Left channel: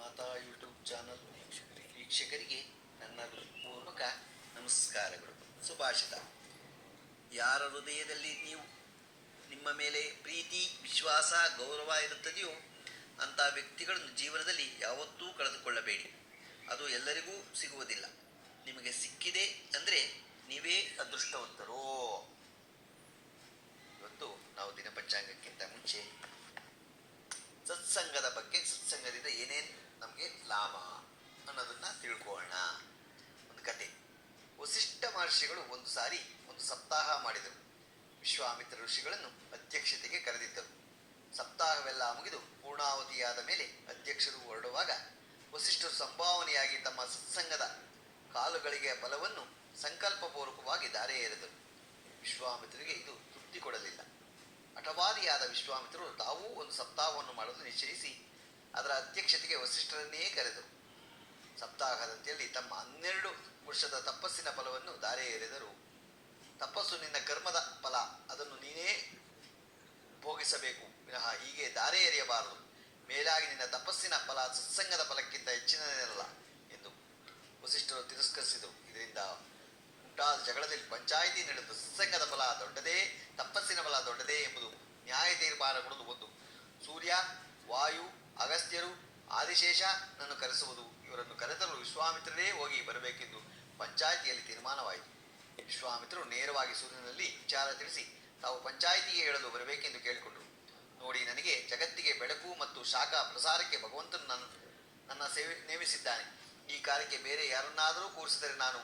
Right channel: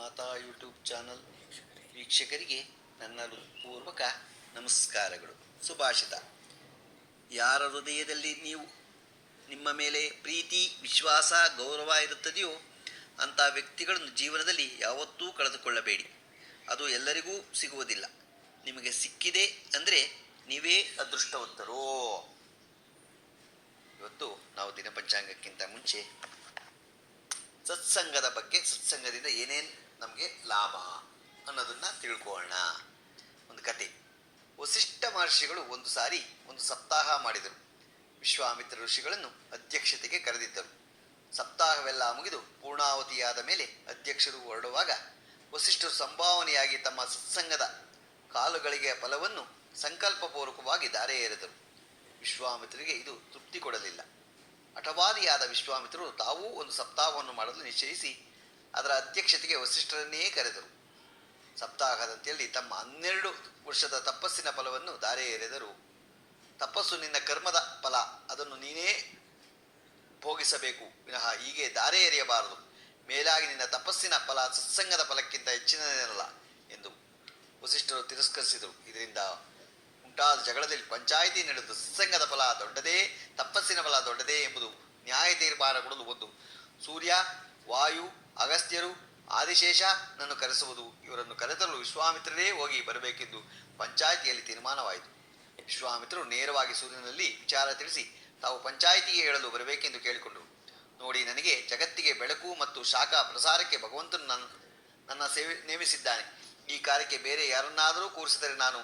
ಮಾತಾ YouTube channel ವೀಕ್ಷಕರಿಗೆ ನನ್ನ ಪೂರ್ವಕ ನಮಸ್ಕಾರಗಳು. ಸುಭಾಷಿತ. ಯಾರ ಹೃದಯದಲ್ಲಿ ನೀವು ನಿಮ್ಮ ಮೇಲೆ ಪ್ರೀತಿ, ವಿಶ್ವಾಸ, ಗೌರವ ಇರುತ್ತದೆಯೋ ಅಂಥ ವ್ಯಕ್ತಿಗಳನ್ನು ಜೀವನದಲ್ಲಿ ಯಾವತ್ತೂ ಕಳೆದುಕೊಳ್ಳಬೇಡಿ. ಅದು ಎಲ್ಲರಿಗೂ ಸಿಗುವುದಿಲ್ಲ. ನಿಮಗೆ ಸಿಕ್ಕಿದೆ ಅಂದರೆ ನೀವೇ ಅದೃಷ್ಟವಂತರೋ. ಇವತ್ತು ನಾವು ದಿನಪಂಚಾಂಗಕ್ಕಿಂತ ಮುಂಚೆ ಸತ್ಸಂಗದ ಬಗ್ಗೆ, ಸತ್ಸಂಗದಿಂದ ಏನೇನು ನಮಗೆ ಲಾಭ ಅನ್ನೋದನ್ನು ತಿಳ್ಕೊಳ್ಳೋಣ. ಒಂದು ಕತೆ. ವಸಿಷ್ಠ ಮಹರ್ಷಿಗಳು ಒಂದು ಸಾರಿ ಒಂದು ಸಪ್ತಾಹ ಮಾಡಿದರು. ವಿಶ್ವಾಮಿತ್ರ ಋಷಿಗಳನ್ನು ಅಧ್ಯಕ್ಷತೆಗೆ ಕರೆದಿದ್ದರು. ಸಪ್ತಾಹವೆಲ್ಲ ಮುಗಿದು ಪೂರ್ಣಾವತಿಯಾದ ಮೇಲೆ ಅಧ್ಯಕ್ಷರು ಹೊರಡುವಾಗ ವಸಿಷ್ಠರು ಸಂಭಾವನೆಯಾಗಿ ತಮ್ಮ ಸತ್ಸಂಗದ ಕಾಲುಗಳಿಗೆ ಫಲವನ್ನು ಸಂಕಲ್ಪಪೂರ್ವಕವಾಗಿ ದಾರೆ ಎರೆದರು ವಿಶ್ವಾಮಿತ್ರರಿಗೆ ಇದು ತೃಪ್ತಿ ಕೊಡಲಿಲ್ಲ. ಹಠವಾದಿಯಾದ ವಿಶ್ವಾಮಿತ್ರರು ತಾವೂ ಒಂದು ಸಪ್ತಾಹವನ್ನು ಮಾಡಲು ನಿಶ್ಚಯಿಸಿ ಅದರ ಅಧ್ಯಕ್ಷತೆಗೆ ವಸಿಷ್ಠರನ್ನೇ ಕರೆದರು. ಸಪ್ತಾಹದಂತೆಯಲ್ಲಿ ತಮ್ಮ ಹನ್ನೆರಡು ವರ್ಷದ ತಪಸ್ಸಿನ ಫಲವನ್ನು ದಾರೆ ಎರೆದರು ತಪಸ್ಸು ನಿನ್ನ ಕರ್ಮದ ಫಲ, ಅದನ್ನು ನೀನೇ ಭೋಗಿಸಬೇಕು. ವಿನಃ ಹೀಗೆ ದಾರೆ ಎರೆಯಬಾರದು ಮೇಲಾಗಿ ನಿನ್ನ ತಪಸ್ಸಿನ ಫಲ ಸತ್ಸಂಗದ ಫಲಕ್ಕಿಂತ ಹೆಚ್ಚಿನದೇನಲ್ಲ ಎಂದು ವಸಿಷ್ಠರು ತಿರಸ್ಕರಿಸಿದರು. ಇದರಿಂದ ಉಂಟಾದ ಜಗಳದಲ್ಲಿ ಪಂಚಾಯಿತಿ ನಡೆದು ಸತ್ಸಂಗದ ಫಲ ದೊಡ್ಡದೇ ತಪಸ್ಸಿನ ಬಲ ದೊಡ್ಡದೇ ಎಂಬುದು ನ್ಯಾಯ ತೀರ್ಮಾನ ಕೊಡಲು ಒಂದು. ಸೂರ್ಯ, ವಾಯು, ಅಗಸ್ತ್ಯರು, ಆದಿಶೇಷ ನನ್ನು ಕರೆಸುವುದು, ಇವರನ್ನು ಕರೆತರಲು ವಿಶ್ವಾಮಿತ್ರರೇ ಹೋಗಿ ಬರಬೇಕೆಂದು ಪಂಚಾಯಿತಿಯಲ್ಲಿ ತೀರ್ಮಾನವಾಯಿತು. ವಿಶ್ವಾಮಿತ್ರರು ನೇರವಾಗಿ ಸೂರ್ಯನಲ್ಲಿ ವಿಚಾರ ತಿಳಿಸಿ ತಾವು ಪಂಚಾಯಿತಿಗೆ ಹೇಳಲು ಬರಬೇಕೆಂದು ಕೇಳಿಕೊಂಡರು. ನೋಡಿ, ನನಗೆ ಜಗತ್ತಿಗೆ ಬೆಳಕು ಮತ್ತು ಶಾಖ ಪ್ರಸಾರಕ್ಕೆ ಭಗವಂತನು ನನ್ನ ನನ್ನ ಸೇವೆ ನೇಮಿಸಿದ್ದಾನೆ. ಈ ಕಾರ್ಯಕ್ಕೆ ಬೇರೆ ಯಾರನ್ನಾದರೂ ಕೂರಿಸಿದರೆ ನಾನು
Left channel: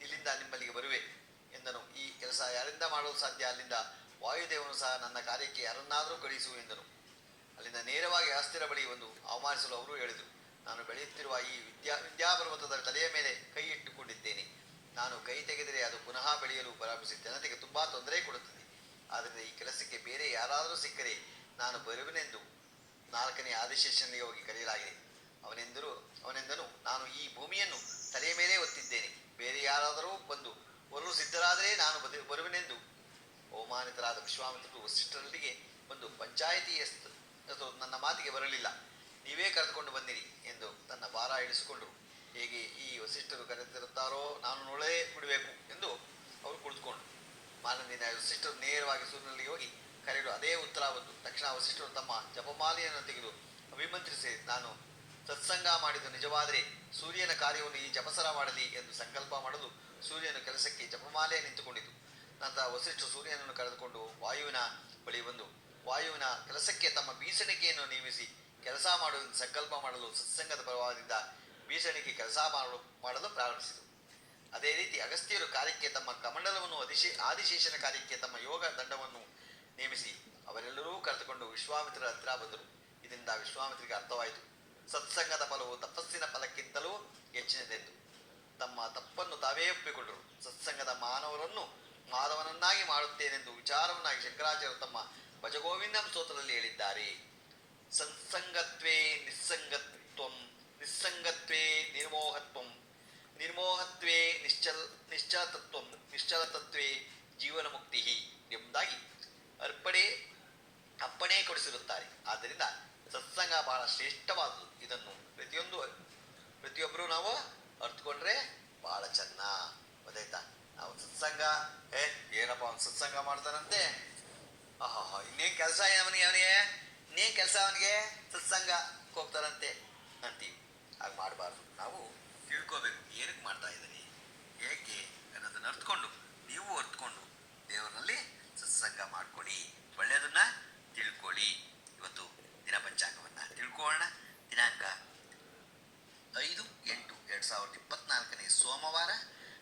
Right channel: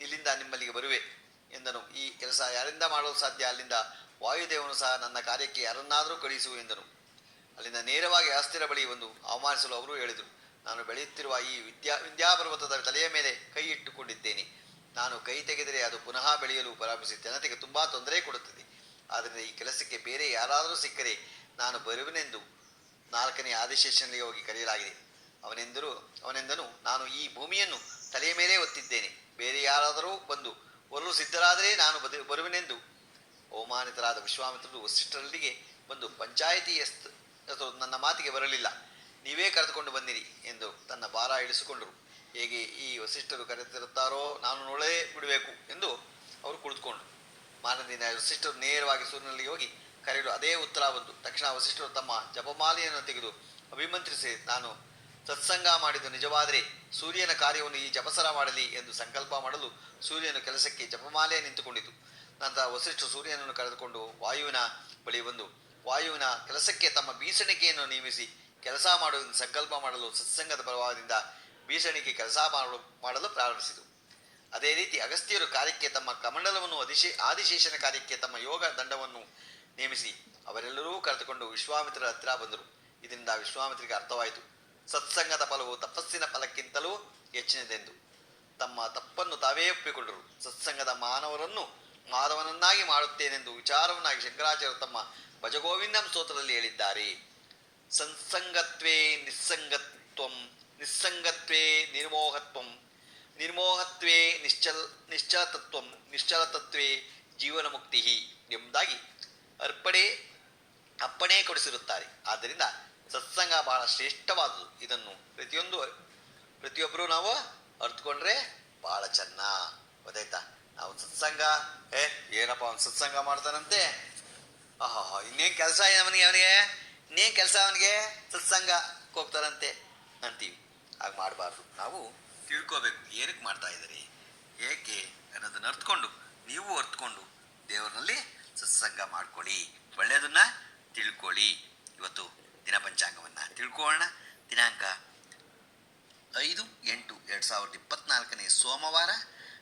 ಇಲ್ಲಿಂದ ನಿಮ್ಮಲ್ಲಿಗೆ ಬರುವೆ ಎಂದನು. ಈ ಕೆಲಸ ಯಾರಿಂದ ಮಾಡಲು ಸಾಧ್ಯ? ಅಲ್ಲಿಂದ ವಾಯುದೇವನು ಸಹ ನನ್ನ ಕಾರ್ಯಕ್ಕೆ ಯಾರನ್ನಾದರೂ ಕಳಿಸು ಎಂದನು. ಅಲ್ಲಿಂದ ನೇರವಾಗಿ ಅಸ್ಥಿರ ಬಳಿ ಒಂದು ಅವಮಾನಿಸಲು ಅವರು ಹೇಳಿದರು. ನಾನು ಬೆಳೆಯುತ್ತಿರುವ ಈ ವಿದ್ಯಾ, ವಿದ್ಯಾಪರ್ವತದ ತಲೆಯ ಮೇಲೆ ಕೈ ಇಟ್ಟುಕೊಂಡಿದ್ದೇನೆ. ನಾನು ಕೈ ತೆಗೆದರೆ ಅದು ಪುನಃ ಬೆಳೆಯಲು ಪ್ರಾರಂಭಿಸಿ ಜನತೆಗೆ ತುಂಬಾ ತೊಂದರೆ ಕೊಡುತ್ತದೆ. ಆದ್ದರಿಂದ ಈ ಕೆಲಸಕ್ಕೆ ಬೇರೆ ಯಾರಾದರೂ ಸಿಕ್ಕರೆ ನಾನು ಬರುವನೆಂದು ನಾಲ್ಕನೇ ಆದಿಶೇಷನಿಗೆ ಹೋಗಿ ಕರೆಯಲಾಗಿದೆ. ಅವನೆಂದರು, ಅವನೆಂದನು, ನಾನು ಈ ಭೂಮಿಯನ್ನು ತಲೆಯ ಮೇಲೆ ಒತ್ತಿದ್ದೇನೆ. ಬೇರೆ ಯಾರಾದರೂ ಬಂದು ಬರಲು ಸಿದ್ಧರಾದರೆ ನಾನು ಬದು, ಬರುವೆನೆಂದು ಅವಮಾನಿತರಾದ ವಿಶ್ವಾಮಿತ್ರರು ವಸಿಷ್ಠರಲ್ಲಿಗೆ ಬಂದು ಪಂಚಾಯಿತಿ ನನ್ನ ಮಾತಿಗೆ ಬರಲಿಲ್ಲ. ನೀವೇ ಕರೆದುಕೊಂಡು ಬಂದಿರಿ ಎಂದು ತನ್ನ ಭಾರ ಇಳಿಸಿಕೊಂಡರು. ಹೇಗೆ ಈ ವಸಿಷ್ಠರು ಕರೆತಿರುತ್ತಾರೋ ನಾನು ನೋಡೇ ಬಿಡಬೇಕು ಎಂದು ಅವರು ಕುಳಿತುಕೊಂಡರು. ಮಾನದಿನ ವಸಿಷ್ಠರು ನೇರವಾಗಿ ಸೂರ್ಯನಲ್ಲಿ ಹೋಗಿ ಕರೆಯಲು ಅದೇ ಉತ್ತರ ಬಂತು. ತಕ್ಷಣ ವಸಿಷ್ಠರು ತಮ್ಮ ಜಪಮಾಲೆಯನ್ನು ತೆಗೆದು, ಅಭಿಮಂತ್ರಿಸಿ, ನಾನು ಸತ್ಸಂಗ ಮಾಡಿದ್ದು ನಿಜವಾದರೆ ಸೂರ್ಯನ ಕಾರ್ಯವನ್ನು ಈ ಜಪಸರ ಮಾಡಲಿ ಎಂದು ಸಂಕಲ್ಪ ಮಾಡಲು ಸೂರ್ಯನ ಕೆಲಸಕ್ಕೆ ಜಪಮಾಲೆ ನಿಂತುಕೊಂಡಿತು. ನಂತರ ವಸಿಷ್ಠ ಸೂರ್ಯನನ್ನು ಕರೆದುಕೊಂಡು ವಾಯುವಿನ ಬಳಿ ಬಂದು, ವಾಯುವಿನ ಕೆಲಸಕ್ಕೆ ತಮ್ಮ ಬೀಸಣಿಕೆಯನ್ನು ನೇಮಿಸಿ, ಕೆಲಸ ಮಾಡುವ ಸಂಕಲ್ಪ ಮಾಡಲು ಸತ್ಸಂಗದ ಪ್ರಭಾವದಿಂದ ಬೀಸಣಿಕೆ ಕೆಲಸ ಮಾಡಲು ಮಾಡಲು ಪ್ರಾರಂಭಿಸಿತು ಅದೇ ರೀತಿ ಅಗಸ್ತ್ಯರು ಕಾರ್ಯಕ್ಕೆ ತಮ್ಮ ಕಮಂಡಲವನ್ನು ಅಧಿಶೇ, ಆದಿಶೇಷನ ಕಾರ್ಯಕ್ಕೆ ತಮ್ಮ ಯೋಗ ದಂಡವನ್ನು ನೇಮಿಸಿ, ಅವರೆಲ್ಲರೂ ಕರೆದುಕೊಂಡು ವಿಶ್ವಾಮಿತ್ರರ ಹತ್ತಿರ ಬಂದರು. ಇದರಿಂದ ವಿಶ್ವಾಮಿತ್ರಿಗೆ ಅರ್ಥವಾಯಿತು. ಸತ್ಸಂಗದ ಫಲವು ತಪಸ್ಸಿನ ಫಲಕ್ಕಿಂತಲೂ ಹೆಚ್ಚಿನದೆಂದು. ತಮ್ಮ ತಪ್ಪನ್ನು ತಾವೇ ಒಪ್ಪಿಕೊಂಡರು. ಸತ್ಸಂಗದ ಮಾನವರನ್ನು ಮಾಧವನನ್ನಾಗಿ ಮಾಡುತ್ತೇನೆಂದು ವಿಚಾರವನ್ನಾಗಿ ಶಂಕರಾಚಾರ್ಯರು ತಮ್ಮ ಭಜಗೋವಿಂದಂ ಸ್ತೋತ್ರದಲ್ಲಿ ಹೇಳಿದ್ದಾರೆ. ಸಂಸಂಗತ್ವೇ ನಿಸ್ಸಂಗತ್ವಂ, ನಿಸ್ಸಂಗತ್ವೇ ನಿರ್ಮೋಹತ್ವಂ, ನಿರ್ಮೋಹತ್ವೇ ನಿಶ್ಚಲ, ನಿಶ್ಚಲತತ್ವಂ, ನಿಶ್ಚಲತತ್ವೇ ಜೀವನ ಮುಕ್ತಿ ಎಂಬುದಾಗಿ ಅರ್ಪಣೆ ಅಪ್ಪಣೆ ಕೊಡಿಸಿರುತ್ತಾರೆ. ಆದ್ದರಿಂದ ಸತ್ಸಂಗ ಬಹಳ ಶ್ರೇಷ್ಠವಾದುದು. ಇದನ್ನು ಪ್ರತಿಯೊಂದು ಪ್ರತಿಯೊಬ್ಬರು ನಾವು ಅರ್ಥಕೊಂಡ್ರೆ ಬಹಳ ಚೆನ್ನ. ಗೊತ್ತಾಯ್ತಾ? ನಾವು ಸತ್ಸಂಗ ಏ, ಏನಪ್ಪ ಅವ್ನು ಸತ್ಸಂಗ ಮಾಡ್ತಾನಂತೆ? ಆಹಾ, ಇನ್ನೇನು ಕೆಲಸ ಅವನಿಗೆ ಅವನಿಗೆ? ಇನ್ನೇನು ಕೆಲಸ ಅವನಿಗೆ? ಸತ್ಸಂಗ ಹೋಗ್ತಾರಂತೆ ಅಂತೀವಿ. ಹಾಗೆ ಮಾಡಬಾರ್ದು. ನಾವು ತಿಳ್ಕೋಬೇಕು, ಏನಕ್ಕೆ ಮಾಡ್ತಾ ಇದ್ದೀರಿ? ಏಕೆ ಅನ್ನೋದನ್ನ ಅರ್ಥಕೊಂಡು ನೀವು ಅರ್ತ್ಕೊಂಡು ದೇವರಲ್ಲಿ ಸತ್ಸಂಗ ಮಾಡ್ಕೊಳ್ಳಿ. ಒಳ್ಳೆಯದನ್ನ ತಿಳ್ಕೊಳ್ಳಿ. ಇವತ್ತು ದಿನ ಪಂಚಾಂಗವನ್ನು ತಿಳ್ಕೊಳ್ಳೋಣ. ದಿನಾಂಕ ಐದು ಎಂಟು ಎರಡು ಸಾವಿರದ ಇಪ್ಪತ್ನಾಲ್ಕನೇ ಸೋಮವಾರ.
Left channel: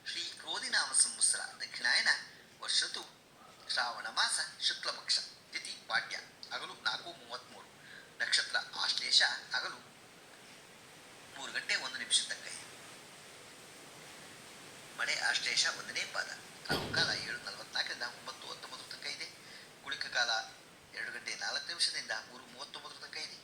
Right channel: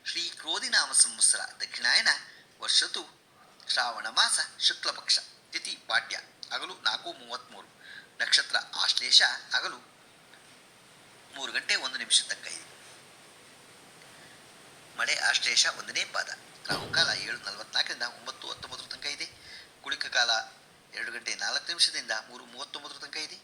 ಶ್ರೀ ಕ್ರೋಧಿನಾಮ ಸಂವತ್ಸರ ದಕ್ಷಿಣಾಯನ ವರ್ಷತು ಶ್ರಾವಣ ಮಾಸ ಶುಕ್ಲಪಕ್ಷ ತಿಥಿ ಪಾಡ್ಯ ಹಗಲು ನಾಲ್ಕು ಮೂವತ್ತ್ಮೂರು ನಕ್ಷತ್ರ ಆಶ್ಲೇಷ ಹಗಲು ಮೂರು ಗಂಟೆ ಒಂದು ನಿಮಿಷ ತನಕ ಇದೆ. ಮಳೆ ಆಶ್ಲೇಷ ಒಂದನೇ ಪಾದ. ರಾಹುಕಾಲ ಏಳು ನಲವತ್ನಾಲ್ಕರಿಂದ ಒಂಬತ್ತು ಹತ್ತೊಂಬತ್ತು ತನಕ ಇದೆ. ಕುಳಿಕ ಕಾಲ ಎರಡು ಗಂಟೆ ನಾಲ್ಕು ನಿಮಿಷದಿಂದ ಮೂರು ಮೂವತ್ತೊಂಬತ್ತರ ತನಕ ಇದೆ.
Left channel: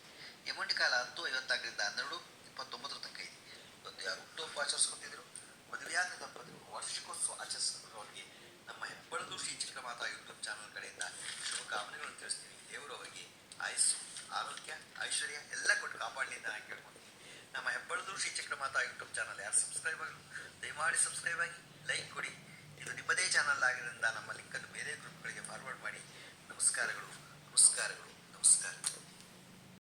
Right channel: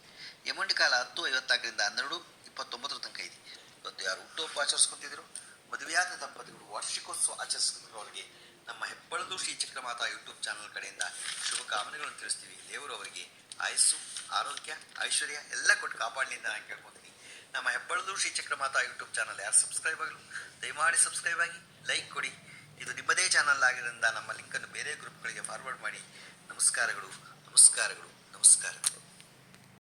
ಯಮಂಡಿ ಕಾಲ ಹತ್ತು ಐವತ್ನಾಲ್ಕರಿಂದ ಹನ್ನೆರಡು ಇಪ್ಪತ್ತೊಂಬತ್ತರ ತನಕ ಇದೆ. ಇವತ್ತು ಯಾರು ಹುಟ್ಟುಹಬ್ಬ ಆಚರಿಸ್ಕೊತಿದ್ರು ಮದುವೆಯಾದ ದಂಪತಿಗಳು ವಾರ್ಷಿಕೋತ್ಸವ ಆಚರಿಸಿದವರಿಗೆ ನಮ್ಮ ಹೆಬ್ಬಳದು ಶ್ರೀ ಚಿಕ್ಕಮಾತಾ ಯೂಟ್ಯೂಬ್ ಚಾನಲ್ ಕಡೆಯಿಂದ ಶುಭಕಾಮನೆಗಳನ್ನು ತಿಳಿಸ್ತೀವಿ. ದೇವರು ಅವರಿಗೆ ಆಯಸ್ಸು, ಆರೋಗ್ಯ, ಐಶ್ವರ್ಯ ಎಲ್ಲ ಕೊಟ್ಟು ಕಾಪಾಡಲಿ ಅಂತ ನಾನು ಕೇಳ್ಕೊತೀನಿ. ನಮ್ಮ ಹೆಬ್ಬಳದು ಶ್ರೀ ಮಾತಾ ಯೂಟ್ಯೂಬ್ ಚಾನಲ್ ಯಾರು ಸಬ್ಸ್ಕ್ರೈಬ್ ಆಗಲು ದಯಮಾಡಿ ಸಬ್ಸ್ಕ್ರೈಬ್ ಆಗಿ, ಲೈಕ್ ಕೊಡಿ. ಇದು ನಿಮ್ಮದೇ ಚಾನಲ್ ಆಗಿರೋದ್ರಿಂದ ನಮ್ಮ ಲಿಂಕನ್ನು ಬೇರೆ ಗ್ರೂಪ್ಗಳಿಗೆ ಫಾರ್ವರ್ಡ್ ಮಾಡಿ. ನಮಸ್ಕಾರಗಳು ನಮಸ್ಕಾರಗಳು ನಮಸ್ಕಾರಗಳು